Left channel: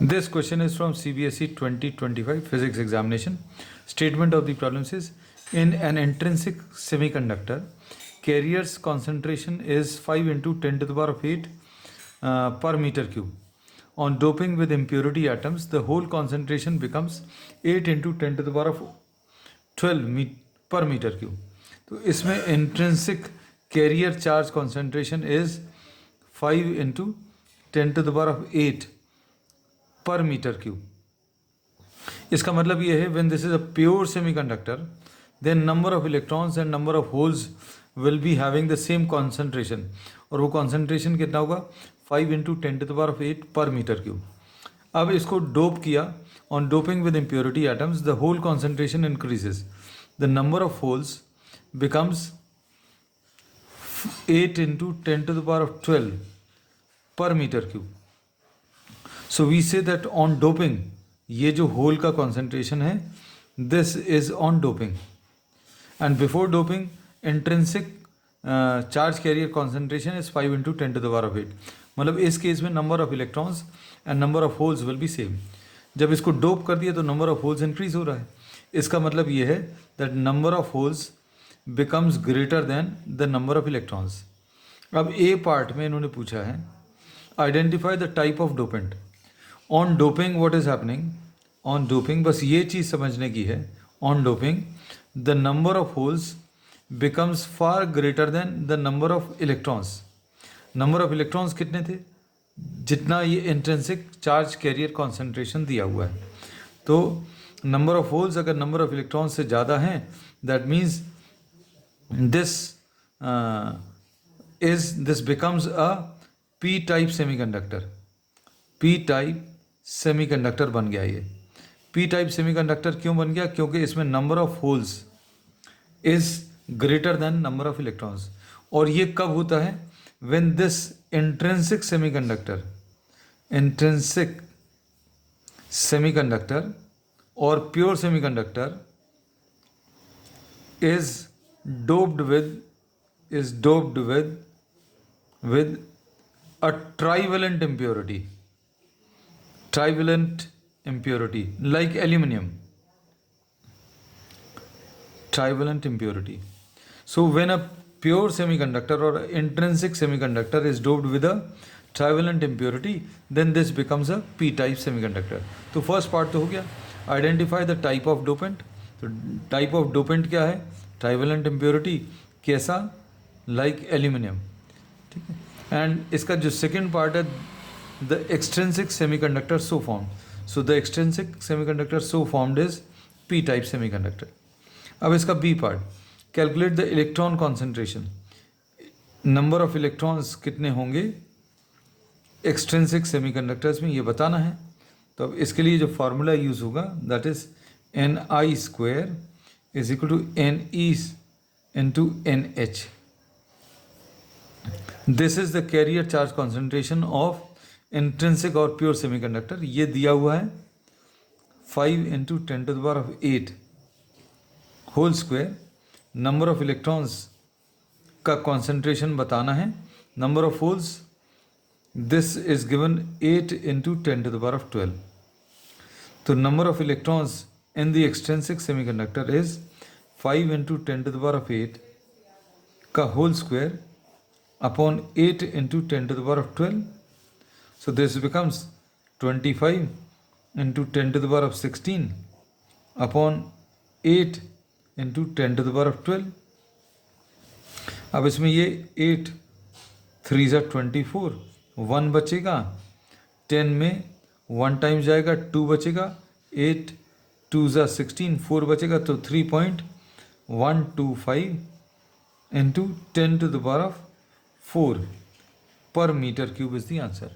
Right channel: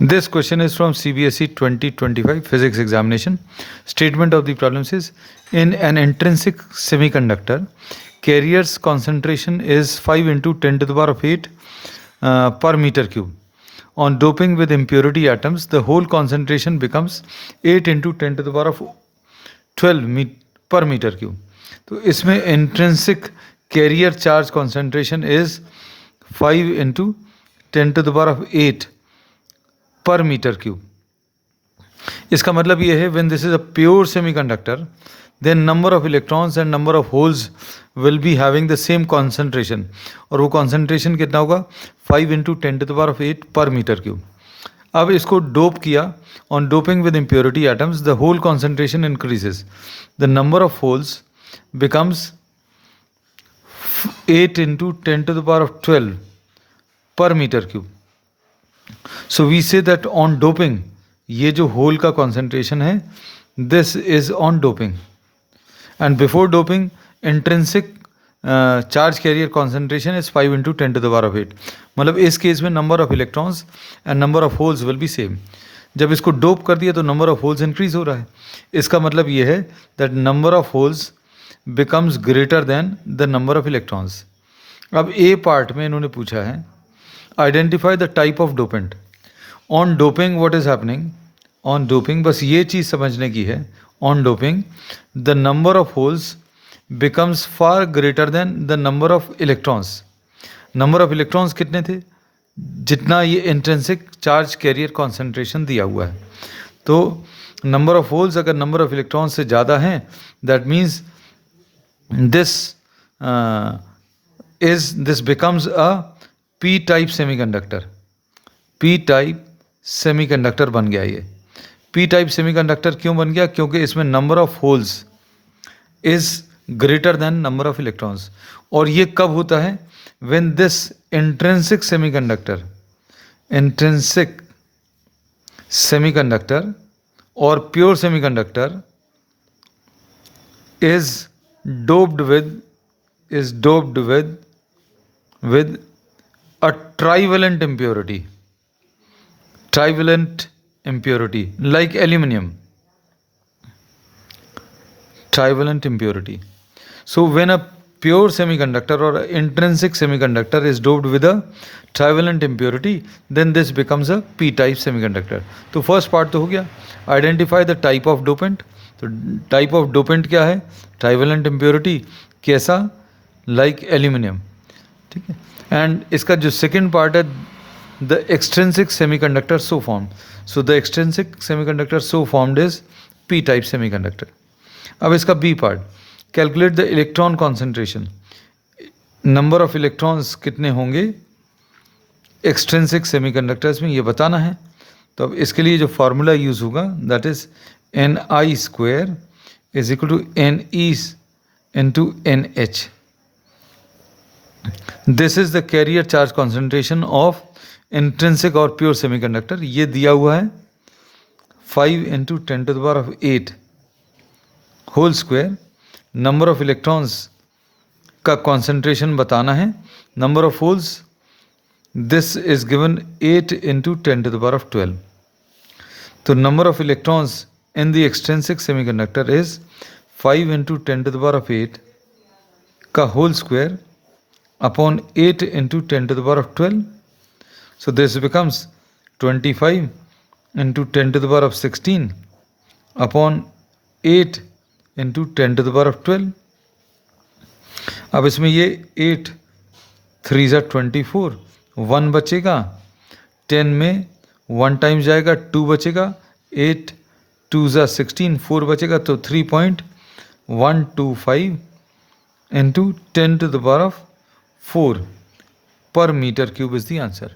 This question is from CBSE 2025 physics examination. Statement of the problems is, in an intrinsic semiconductor, carrier's concentration is 5 into 10 to the power of 8 per meter cube. On doping with impurity atoms, the whole concentration becomes 8 into 10 to the power of 12 per meter cube. तो इसमें intrinsic carrier charge concentration is 5 into 10 to the power of 8 per meter cube. इसका मतलब ये है, when this is a pure semiconductor, then number of electrons and number of holes will be having the same concentration. और वो concentration कितना होगा? 5 into 10 to the power of 8 per meter cube. अब इसको डोप किया, on doping with impurity atoms, the whole concentration increases. The number of holes becomes 8 into 10 to the power of 12 per meter cube. So we say that on doping, ये जो whole का concentration है, this is on doping. And before doping, intrinsic charge carrier concentration is 5 into 10 to the power of 8. मतलब इस case में number of electrons and number of holes will be same. जब इसको dope कर दिया तो number of holes increase हो रहा है. इसका मतलब ये है that number of holes becomes greater than the number of electrons. अब A part में इन्होंने पूछा है, identify the type of dopant. On doping what is happening? On doping बस ये चीज़ समझने की है. On doping the number of holes becomes far greater than the number of electrons. Number of electrons कितने थे? जितना ये intrinsic charge carrier concentration दिया हुआ है. तो number of holes अगर number of electrons से ज़्यादा हैं, that means this becomes a p-type semiconductor. p-type semiconductor बन गया ये. p-type semiconductor क्यों बन गया? क्योंकि इसमें number of holes is greater than number of electrons. और ये कब होता है? When this intrinsic semiconductor or pure semiconductor is doped with a trivalent impurity like aluminum. Trivalent impurity. So when a pure semiconductor or intrinsic semiconductor is doped with a trivalent impurity, then this becomes a p-type semiconductor. तो first part तो हो गया. Identify the type of dopant. तो type of dopant क्या है? Trivalent impurity. कैसा? Like aluminum. ठीक है. And इसका जो second part है, the extrinsic semiconductor so formed. So the extrinsic semiconductor so formed is p-type semiconductor. अब इसका B part. Calculate the electron concentration. Number of electrons कितने होंगे extrinsic semiconductors में, ये बताना है. तो अब इसके लिए जो फार्मूला यूज होगा, that is Ni square is equal to Ne into Nh. This is the carrier charge concentration of intrinsic or pure semiconductor. ये दिया हुआ है 5 into 10 to the power of 8 whole square. Number of electrons का concentration बताना है. Number of holes, this is given 8 into 10 to the power of 12. तो number of electrons in the extrinsic semiconductor is 5 into 10 to the power of 8 का whole square upon 8 into 10 to the power of 12. So this becomes 25 into 10 to the power of 16 upon 8 into 10 to the power of 12. अब इसमें ये 8 3 ज़ा 24, 1 बचेगा, 10 में 1 times जाएगा, 2 बचेगा, 8 2 ज़ा 16, 4 बचेगा, तो 3.125 into 10 to the power of 4 per meter cube is the answer.